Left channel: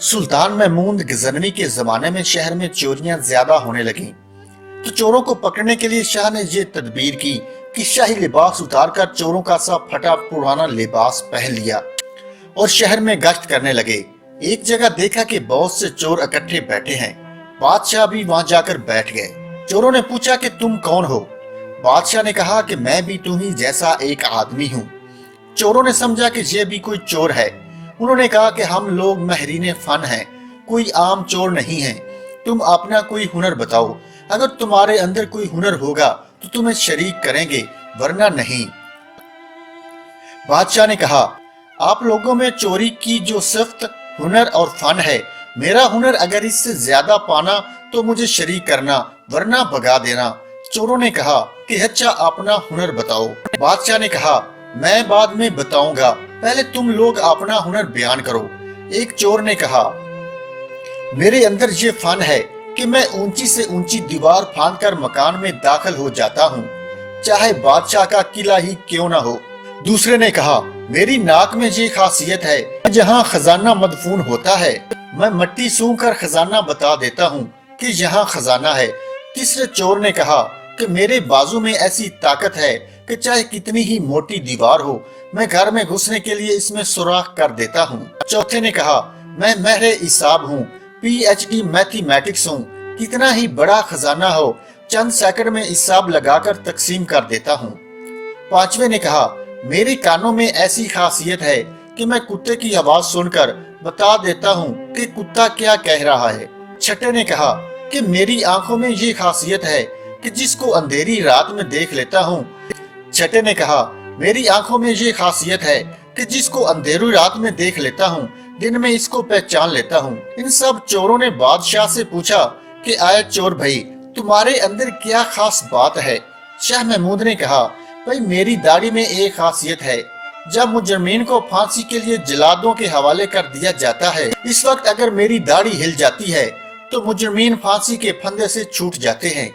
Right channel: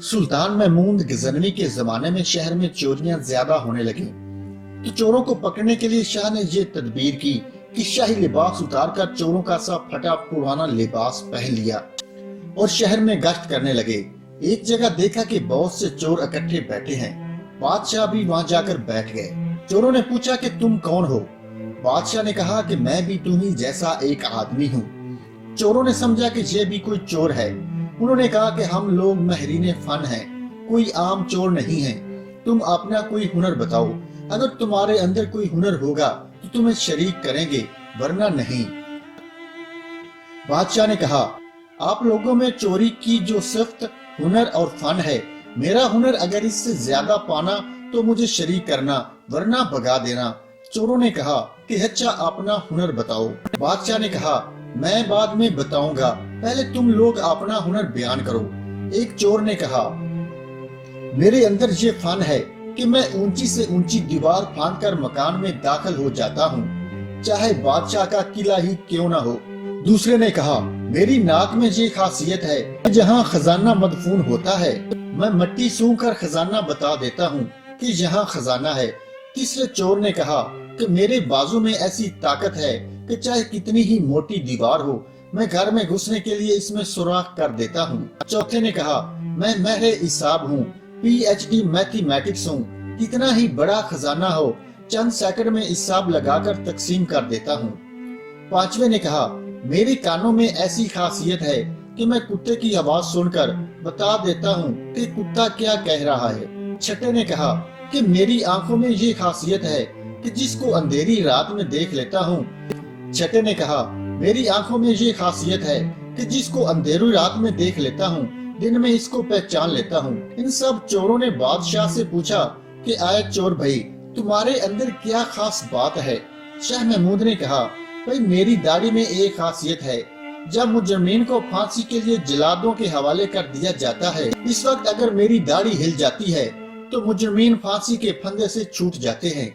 सुल्तान महमूद गजनवी के जमाने में शहर में चोरियां ज्यादा होने लगी, तो चोरों को पकड़ने के लिए शाह ने ये तदबीर की कि शाही लिबास उतारकर चोरों का सा फटा पुराना लिबास पहन लिया और शहर में गश्त करने लगे। एक जगह देखा कि बहुत से चोर इकट्ठे बैठे हैं। बादशाह भी वहां जाकर बैठ गए। चोरों ने पूछा कि तुम कौन हो? बादशाह ने कहा कि मैं भी तुम्ही जैसा एक आदमी हूँ। चोरों ने समझा कि ये भी कोई चोर है। उन्होंने कहा कि हम लोग महरीने फन हैं, कोई आम चोर नहीं है। तुम अपना कोई हुनर बताओ, अगर तुम्हारे अंदर कोई हुनर होगा तो तुम्हें शरीक करेंगे, वरना नहीं। बादशाह ने कहा, आप लोगों में चोरी की जो सिफ्त, हुनर और फन है, मेरा हुनर अगर इससे ज्यादा पाना तो मुझे शरीक करना, वरना भगा देना। चोरों ने कहा कि अच्छा अपना हुनर बताओ। बादशाह ने कहा, मैं बाद में बताऊंगा, पहले तुम लोग अपना हुनर बयान करो। एक चोर ने कहा, मेरे अंदर ये फन है कि मैं ऊंची से ऊंची दीवार फांदकर मकान में दाखिल हो जाता हूँ, चाहे बादशाह का किला ही क्यों ना हो। दूसरे ने कहा, मेरी नाक में ये खासियत है, जहाँ खजाना मदफून होता है मैं मट्टी सूंघ कर खजाना बता देता हूँ कि यहाँ खजाना है। तीसरे चोर ने कहा कि मेरे बाजू में ऐसी ताकत है कि चाहे कितनी ही मोटी दीवार हो, मैं घर में घुसने के लिए इसमें सुराख कर देता हूँ। चौथे ने कहा, मैं महरे हिसाब हूँ, PhD मैथमेटिक्स हूँ, कितना ही बड़ा खजाना हो चंद सेकंड में हिसाब लगाकर तकसीम कर देता हूँ। पांचवे ने कहा, मेरे कानों में ऐसी खासियत है कि मैं कुत्ते की आवाज सुनकर बता देता हूँ कि कुत्ता क्या कह रहा है। छठे ने कहा कि मेरी आंखों में ये खासियत है कि जिसको अंधेरी रात में देख लेता हूँ। छठे ने कहा, मेरी आंखों में ये खासियत है कि जिसको अंधेरी रात में देख लेता हूँ, दिन में इसको पहचान लेता हूँ। इन सब चोरों ने बादशाह से पूछा कि आए चोर भाई, तुम्हारे अंदर क्या खास बात है? शाह महमूद ने कहा, भाई मेरी दाढ़ी में एक खासियत है, जब मुजरिमीन को फांसी के लिए जल्लादों के हवाले कर दिया जाता है, इस वक्त अगर मेरी दाढ़ी हिल जाती है तो मुजरिमीन फांसी के फंदे से छूट जाते हैं।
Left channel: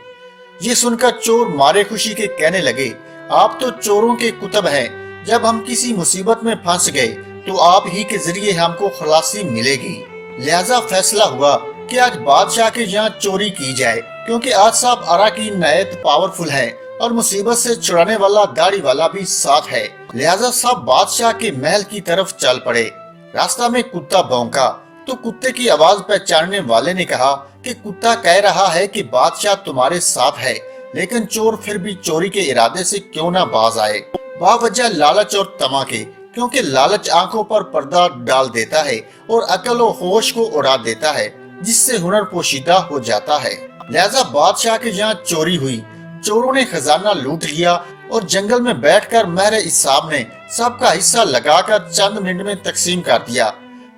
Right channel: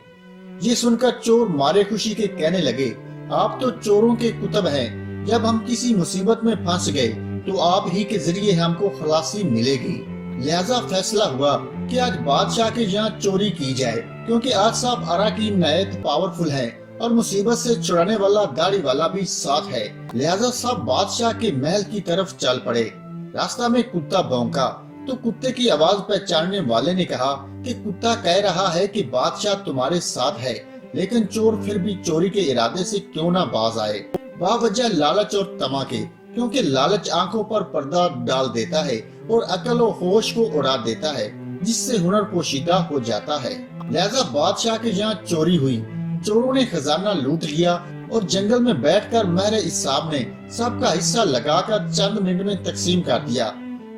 ये सुनकर चोर मारे खुशी के कहने लगे, आप तो चोरों के कुतुब हैं, जब हम किसी मुसीबत में फंस गए तो आप ही के जरिए हमको खलासी मिलेगी। लिहाजा फैसला हुआ कि आज बादशाह के यहाँ चोरी की जाए, क्योंकि आज साहब अराकीन नायत पावरफुल है और मुसीबत से छुड़ाने वाला दाढ़ी वाला भी साथ है। लिहाजा सब बादशाह के महल की तरफ चल पड़े। रास्ता में कुत्ता भौंका तो कुत्ते की आवाज पहचानने वाले ने कहा कि कुत्ता कह रहा है कि बादशाह तुम्हारे साथ है, लेकिन चोर फिर भी चोरी के इरादे से क्यों ना बाज आए। बावजह लालच और तमा के, क्योंकि लालच आंखों पर पर्दा डाल देता है और अकल और होश को उड़ा देता है, जिससे हुनर पोशीदा हो जाता है। लिहाजा बादशाह के यहाँ चोरी हुई। चोरों ने खजाना लूट लिया और जंगल में बैठकर महरे इसाब ने सबका हिस्सा लगाकर चंद मिनट में तकसीम कर दिया।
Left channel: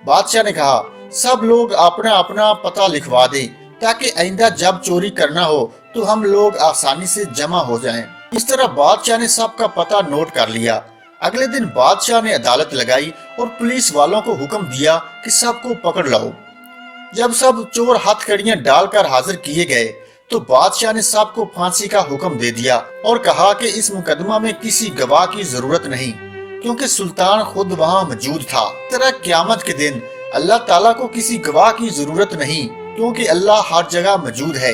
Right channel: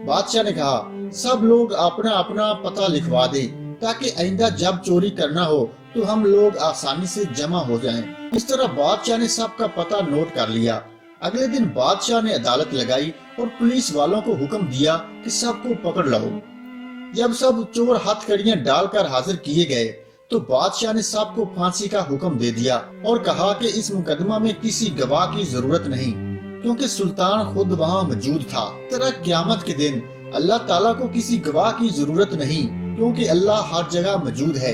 बादशाह ने कहा, सब लोग अपना अपना पता लिखवा दे, ताकि आइंदा जब चोरी करना हो तो हम लोग आसानी से जमा हो जाएं। इस तरह बादशाह ने सबका पता नोट कर लिया। अगले दिन बादशाह ने अदालत लगाई और पुलिस वालों को हुक्म दिया कि सबको पकड़ लाओ। जब सब चोर हथकड़ियां डालकर हाजिर किए गए तो बादशाह ने सबको फांसी का हुक्म दे दिया और कहा कि इस मुकदमा में किसी गवाह की जरूरत नहीं, क्योंकि सुल्तान खुद वहाँ मौजूद था। तरह क़यामत के दिन अल्लाह ताला को किसी गवाह की जरूरत नहीं, क्योंकि अल्लाह हर जगह मौजूद है।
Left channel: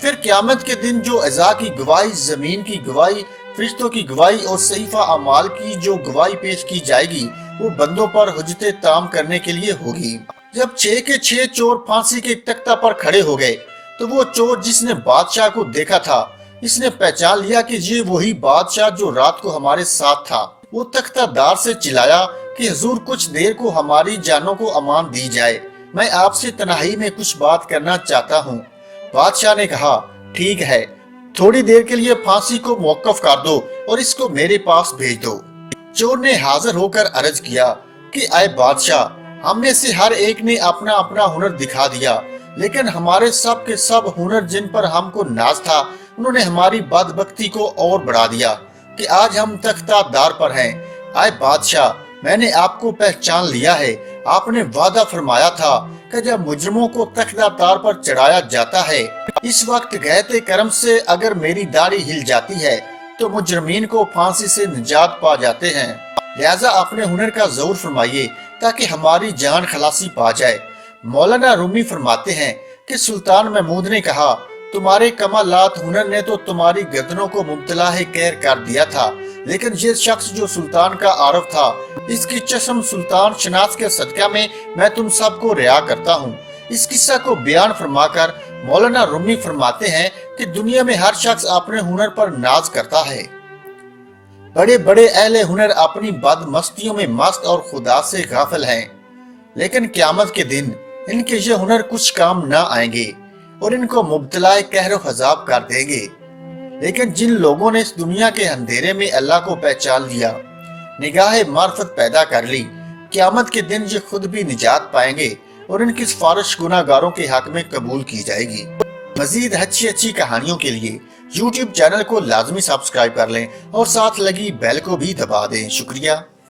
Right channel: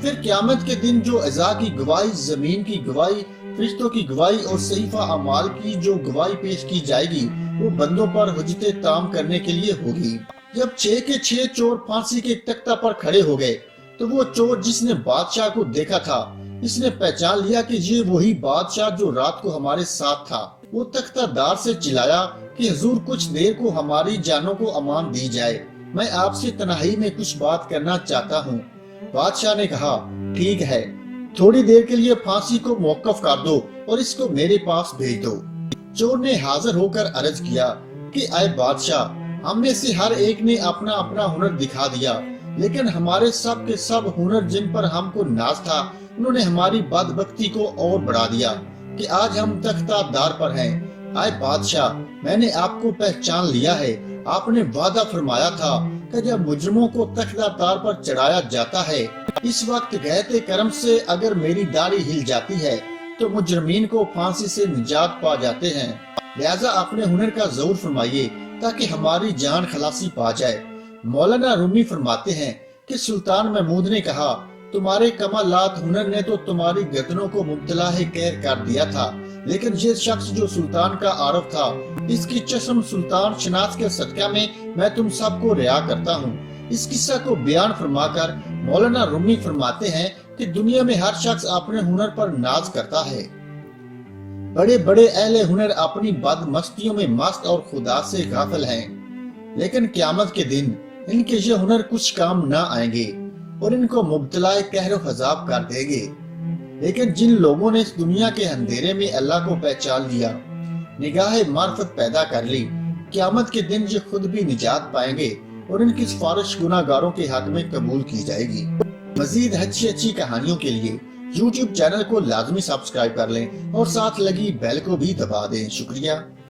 फिर क़यामत के दिन जो अज़ा की गवाही, जमीन की गवाही, फरिश्तों की गवाही और सहीफा अमाल की जो गवाही पेश की जाएगी, वो बंदों पर हुज्जते ताम करने के लिए होगी। जब 6 के 6 चोर फांसी के तख्ता पर खड़े हो गए तो वो चोर जिसने बादशाह को देखा था, इसने पहचान लिया कि ये वही बादशाह जो रात को हमारे साथ था। वो तख्तादार से चिल्लाया कि हुजूर, कुछ देर को हमारी जानों को अमान दी जाए, मैं आपसे तन्हाई में कुछ बात करना चाहता हूँ। बादशाह ने कहा, ठीक है, थोड़ी देर के लिए फांसी को मौकफ कर दो और इसको मेरे पास भेज दो। चोर ने हाजिर होकर अर्ज किया कि आए बादशाह, हम में से हर एक ने अपना अपना हुनर दिखा दिया, लेकिन हमारे सब के सब हुनर जिन पर हमको नाज था, उन्होंने हमारी बदबख्ती को और बढ़ा दिया कि आज हम तख्तादार पर हैं। आए बादशाह, मैंने आपको पहचान लिया है। आपने वादा फरमाया था कि जब मुजरिमों को तख्तादार पर चढ़ाया जाता है, इस वक्त गहते करम से अगर मेरी दाढ़ी हिल जाती है तो मुजरिमीन को फांसी से निजात पा जाते हैं। लिहाजा अपने हुनर का जोर फरमाइए ताकि हमारी जान खलासी पा जाए। मौलाना रूमी फरमाते हैं कि सुल्तान महमूद ने कहा, तुम्हारे कमालात हुनर ने तो तुम्हारी गर्दनों को मुब्तला कहर कर दिया था, लेकिन ये शख्स जो सुल्तान का आरफ था, इसकी चस्म सुल्तान शनास के सदका में मैं तुम सबको रिया करता हूँ। इस किस्सा को बयान फरमाकर मौलाना रूमी फरमाते हैं कि दुनिया में हर शख्स अपने हुनर पर नाज करता है। बड़े बड़े अहले हुनर अपनी बदमस्तियों में मस्त और खुदा से गाफिल हैं, लेकिन क़यामत के दिन इनके ये हुनर कुछ काम न आएंगे और इनको मुब्तला कहर अज़ाब कर देंगे। लेकिन जिन लोगों ने इस दुनिया के अंधेरे में अल्लाह को पहचान लिया, निगाह मार्फत पैदा कर ली, क़यामत के दिन ये खुद भी निजात पाएंगे और इनकी सिफारिश गुनाहगारों के हक में कबूल की जाएगी। मजीद अच्छी अच्छी कहानियों के लिए YouTube चैनल को लाजमी सब्सक्राइब कर लें और साथ लगी बेल को भी दबा दें। शुक्रिया।